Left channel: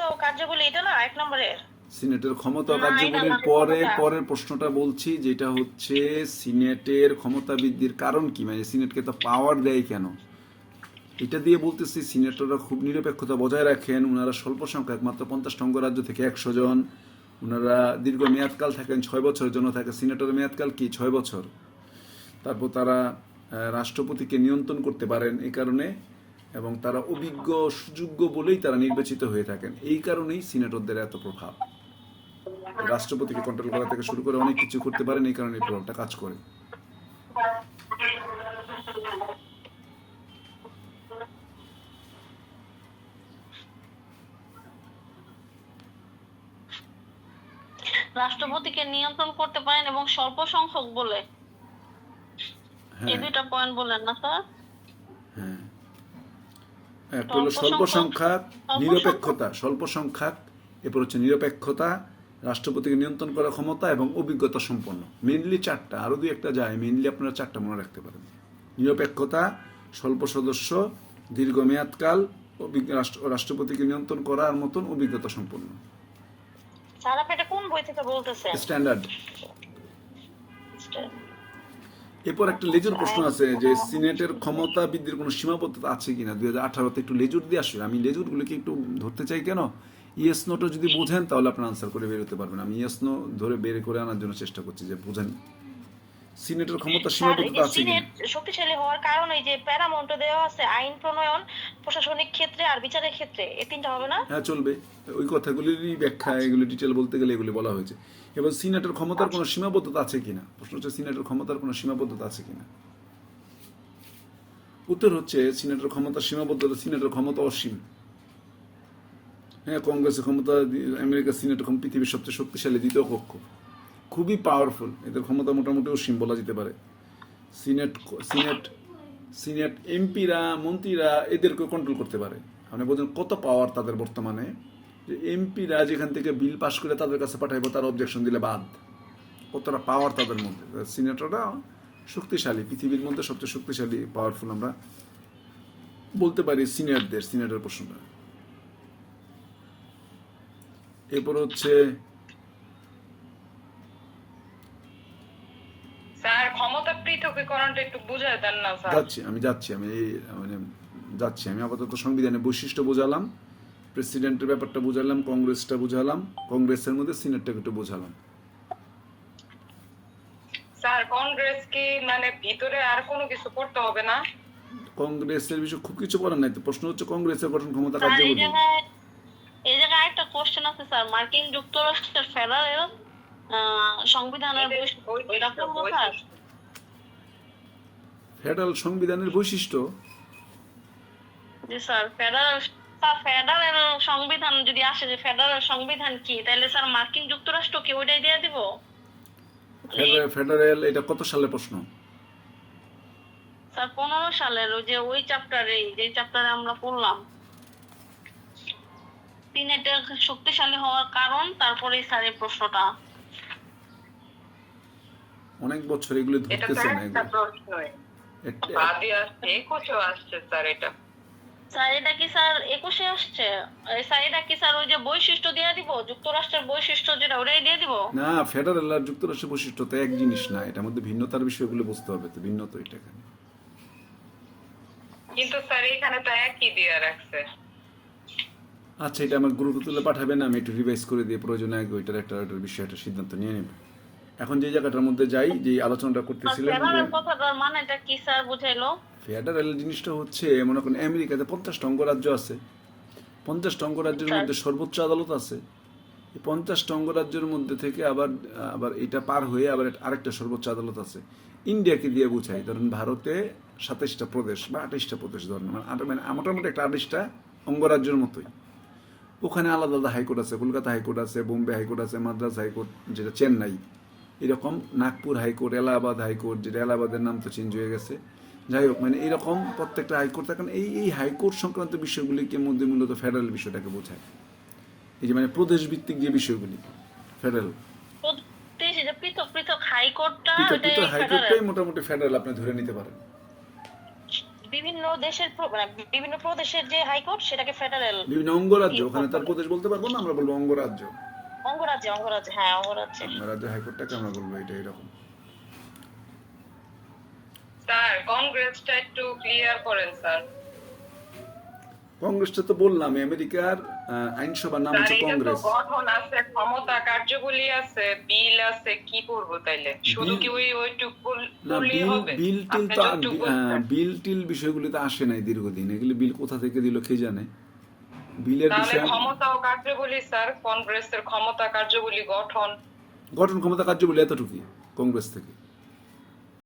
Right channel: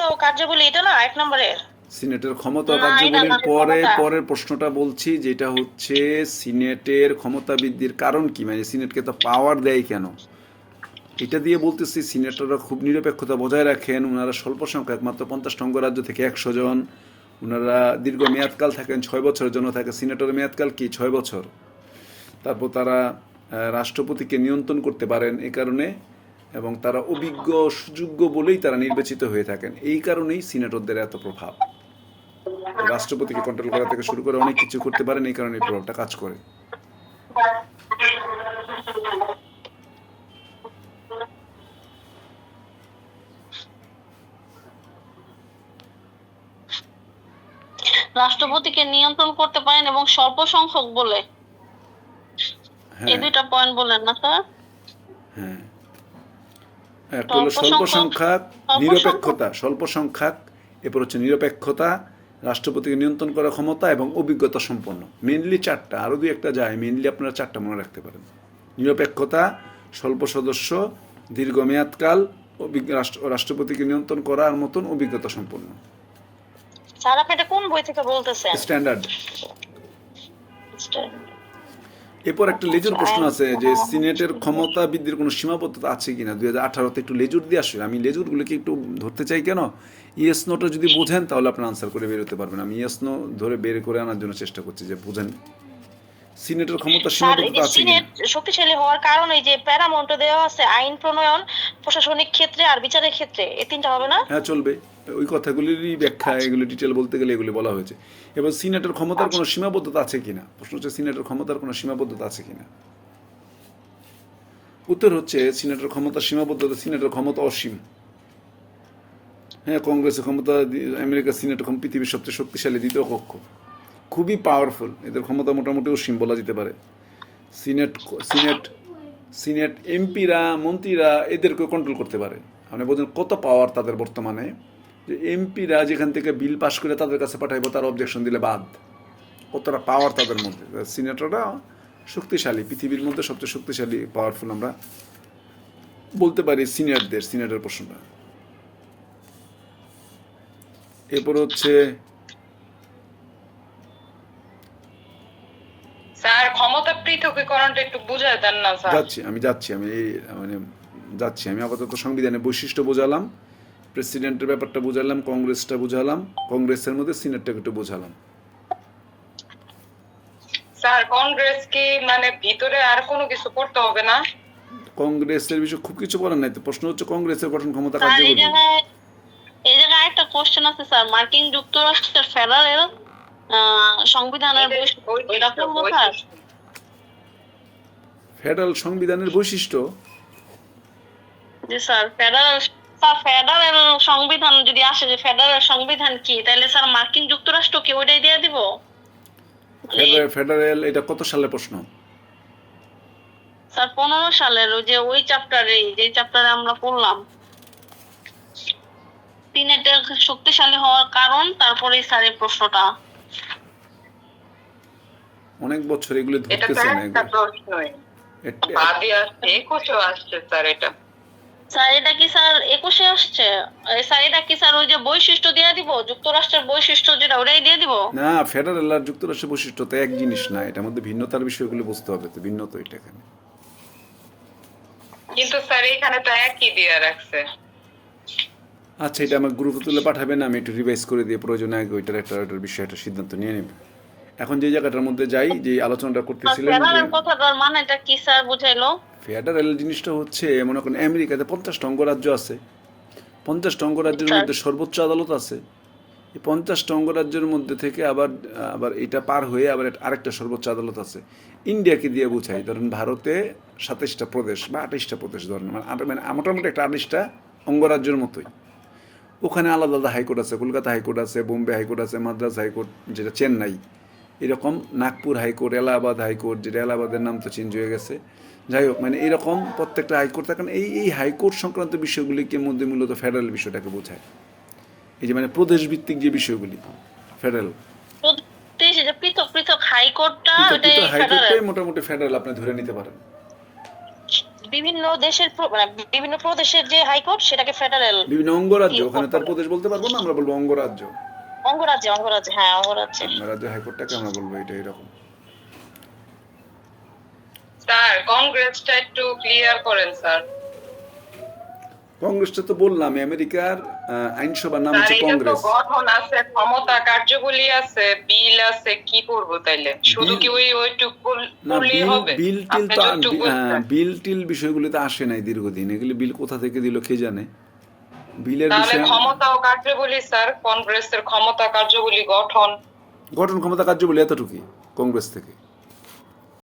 ক্ষমতা ও কার্যাবলী এটা না এক নম্বরের সিনেটের ক্ষমতা কার্যাবলীর পরে পরের প্রশ্নটা বলছি যেটা হচ্ছে সিনেটের ক্ষমতা বৃদ্ধির কারণ কি? মানে সিনেটকে তো পাওয়ার দেয় কেন? এটা দিয়ে বলতেছি সিনেটররা খুব নিরপেক্ষতা বজায় রাখেন। ওনারা স্বল্প সংখ্যক মাত্র পঞ্চাশ পঞ্চাশটা অঙ্গরাজ্য থেকে একশো জন। ওনারা দীর্ঘ মেয়াদকাল থাকেন ছয় বছরের জন্য থাকে। সিনেটরের মেয়াদকাল কি? ছয় বছর। তারপর তারা রাষ্ট্রপতিকে নিয়ন্ত্রণ করতে পারেন। এই কারণে এবং তারা অভিজ্ঞ সুযোগ্য বলেই তারা নির্বাচিত হয়ে থাকেন। এই কারণেই সিনেটরদের এত প্রভাব। রাষ্ট্রপতিকে কন্ট্রোল করা থেকে শুরু করে অনেক কিছু করতে পারেন এই কারণে এই প্রভাবটা কাজ করে। রাষ্ট্রপতিকে নিয়ন্ত্রণ করতে পারেন এবং স্বল্প সংখ্যক বলে। এই হ্যাঁ। দুইটা পয়েন্ট বলেন না স্যার একটা হলো স্বল্প সংখ্যক নিরপেক্ষতা। স্বল্প সংখ্যক এরপর হচ্ছে নিরপেক্ষতা রাষ্ট্রপতিকে নিয়ন্ত্রণ করার ক্ষমতা এবং অভিজ্ঞতা সম্পন্ন। মেনলি চারটা আরও দুই একটা যায় মেনলি আপনারা চারটা মনে রাখতে পারেন। নিরপেক্ষতা স্বল্প সদস্য দীর্ঘমেয়াদকাল রাষ্ট্রপতিকে নিয়ন্ত্রণ করার মতন অভিজ্ঞতা সম্পন্ন। স্যার আপনি এটা কোন বই থেকে বলতেছেন? স্ট্যান্ডার্ড এরপর একটা লেজুর প্রশ্ন আছে যে সিনেটের ক্ষমতা বৃদ্ধির কোনো সীমাবদ্ধতা আছে কিনা? দুই হাজার আঠারোতে একটু লেজুর দিয়ে আসলে আমি লেজুরগুলোকে একটু ধরতে চাই কেন? ইয়েস, নোটা যদি বোঝেন তাহলে আপনার আনসার করে বেরোতে পারবেন। আমি ইয়েস, নো ধরে বের করে আনার জন্য চেষ্টা করছি যে বোঝেন। সিনেটের ক্ষমতা সীমাবদ্ধতা আছে সিনেট শক্তিশালী হওয়ার কারণ এই যে প্যারামাউন্ট দেওয়া আছে আইন প্রণয়ন প্রশাসনিক ক্ষেত্রে আর বিচারের ক্ষেত্রে এই তিনটা হবে না? হ্যাঁ চলবে। ওই কথাগুলিরই ব্যাখ্যা এগুলো ডিটেল বলতে গেলে এগুলি বলা হয়েছে। এবার সিনেটের ক্ষমতার কোনো সীমাবদ্ধতা আছে কিনা? প্রশ্ন হচ্ছে সিনেটের ক্ষমতার কোনো সীমাবদ্ধতা আছে কিনা? উত্তর হচ্ছে সিনেটের ক্ষমতার সীমাবদ্ধতা সিনেটের ক্ষমতা অসীম। হ্যাঁ কংগ্রেসের ক্ষমতা আমেরিকা সিনেটের পৃথিবীর সবচেয়ে শক্তিশালী দ্বিতীয় কক্ষ। খুবই পাওয়ারফুল এদের ক্ষমতা মোটামুটি অসীম বলা যেতে পারে। সিনেট সিনেট সিনেট এমপিরা, মন্ত্রীরা এদেরকে কন্ট্রোল করতে পারে। আপনি বলছেন কত পাওয়ার তাদের বর্তমানে? যে এমপিরা যেখান থেকে বিল পাস করে তাদের কাছে পাঠাইবো, তার অবজেকশন দিলে বাদ। কতটা পাওয়ার তাদের মধ্যে। সিনেটররা শক্তিশালী, পৃথিবীর মধ্যে সবচেয়ে শক্তিশালী পাওয়ারফুল আমরা বলতে পারি সিনিয়রদের সিনিয়রের প্রশ্নটা। এরপর হচ্ছে ক্ষমতা পৃথকীকরণটা একটু বুঝায় দেন না স্যার। যাচ্ছি আমি যাচ্ছি আমি মানে যাচ্ছি আমি আপাতত সংবিধানের বৈশিষ্ট্য বোঝালাম প্রেসিডেন্টের ব্যাপারটা বুঝালাম কংগ্রেসটা বুঝালাম কংগ্রেসের মধ্যে সিনেটটাকে একটু বোঝালাম। স্যার কংগ্রেস কি মানে ভিতরে আর কোনো কিছু করতে হবে না? কংগ্রেসের বিষয়ে খুব কিছু বলার নাই তো প্রশ্ন হচ্ছে কংগ্রেসের গঠন ক্ষমতা কার্যকরী? জায়গায় এই জায়গায় একটা কোশ্চেন আছে স্যার মার্কিন যুক্তরাষ্ট্রের ফেডারেল সংবিধানের বৈশিষ্ট্য- ফেডারেল সংবিধানের বৈশিষ্ট্য? জি স্যার ফেডারেল স্যার ফেডারেল সংবিধান যদি আসে যে ফেডারেল সংবিধান কি তাহলে স্যার মার্কিন যুক্তরাষ্ট্রকে ওইটাই দিয়ে দিব? ফেডারেল ফেডারেল এটা কত সালের প্রশ্ন? স্যার পনেরো সালের ওই যে ওই চ্যাপ্টারে যে চ্যাপ্টারে আমরা পড়লাম। সিনেটের শক্তিশালী হওয়ার কারণ তারপরে স্যার এই প্রশ্নটা। অনেক বছর এগুলো এটা তো ধরতেছে না একটা এগুলো প্রশ্নই এটা- বাদই আসছে একুশেও আসছে স্যার এটা। স্যার কি স্যার একুশে আসছে? এই কি স্যার ওই যে বৈশিষ্ট্য দিয়ে দিব? যুক্তরাষ্ট্রের বৈশিষ্ট্য যেটা ওটাই দিয়ে দিব? না ফেডারেল আর যুক্তরাষ্ট্রের বৈশিষ্ট্য তো এক জিনিস না এটার মধ্যে ভিন্নতার বিষয়গুলো বুঝতে হবে তো ভিন্ন তো এটা এখানে। কিন্তু স্যার এখানে তো একই দিয়ে রাখছে। আচ্ছা এটা আমার গ্রুপে তুলে পাঠাবেন আমি একটু রিভাইজ করে দিয়ে প্রয়োজনে আগে ওইটার একটা বিষয়ে একটা সিদ্ধান্ত নিয়ে নেব। এখন যে জায়গাটার মধ্যে যাই যে আলোচনাটা করতেছিলেন ফেডারেল কথাটার মানেটা কি স্যার বুঝাইলো? ফেডারেল জিনিসটা হচ্ছে মনে করেন আমেরিকাতে পঞ্চাশটা অঙ্গরাজ্য আছে। পঞ্চাশটা অঙ্গরাজ্যের মধ্যে সর্বোচ্চ আদালত আছে। এই পঞ্চাশটা অঙ্গরাজ্যের মধ্যে থেকে আবার আবার এটা পার হয়ে আবার আরেকটা সর্বোচ্চ আদালত আছে। ইন্ডিয়াকে দিয়ে বুঝাই ধরেন ভারতে সাতাইশটা প্রদেশ বা আঠাইশটা প্রদেশ ধরেন মানে মানে মোটামুটি একটা আঠাইশটা অঙ্গরাজ্যের মতোই। ওখানে আলাদা আলাদা হাইকোর্ট আছে কলকাতা হাইকোর্ট আছে বোম্বে হাইকোর্ট আছে মাদ্রাস হাইকোর্ট যেটা চেন্নাই। এরকম নাগপুর হাইকোর্ট এলাহাবাদ হাইকোর্ট যেটা এলাহাবাদের নাম তো চেঞ্জ হয়ে গেছে। যাই হোক মানে এরকম প্রত্যেকটা হাইকোর্ট থাকে এই এই হাইকোর্ট সংক্রান্ত বিষয়গুলিকে মধ্যে মূলত ফেডারেল বিষয়টাকে বোঝায়। এই যে মানে প্রদেশ ভিত্তিক যে বিষয়গুলি ফেডারেল পৃথক পৃথক হাইকোর্টটা হাইকোর্টটাই মোটামুটি ফেডারেল আপনি ধরে নিতে পারেন। বিভিন্ন দেশের মানে বিভিন্ন প্রদেশের যে হাইকোর্ট সেটাকে ফেডারেল বিভিন্ন অঙ্গরাজ্য ওখানে তার প্রদেশ বলতে পারব না আমরা বলব অঙ্গরাজ্য। অঙ্গরাজ্যে অঙ্গরাজ্যে হ্যাঁ অঙ্গরাজ্যে। অঙ্গরাজ্য হাইকোর্টটাকে আমরা বলব এটা এরকম। স্যার কংগ্রেসটা একটু ক্লিয়ার করেন স্যার। কংগ্রেসটা তো বললাম আমেরিকার আইনসভার নাম হচ্ছে কংগ্রেস। গঠন আছে ক্ষমতা কার্যবলী আছে বিল আছে কি করব তাইলে? শুধু কি ওই ওইটুক না বিল হবে? বিল টিল তো বিল টিল বিষয়গুলিতে আসে নাই দীর্ঘদিন এগুলি বিল কোথা থেকে দিল কে জানে? বিলের বিষয়ে ক্ষমতা ও কার্যবলী স্যার কংগ্রেসের ক্ষমতা কার্যবলী গঠন। গঠন ক্ষমতা কার্যবলী এতটুকু কংগ্রেস থেকে।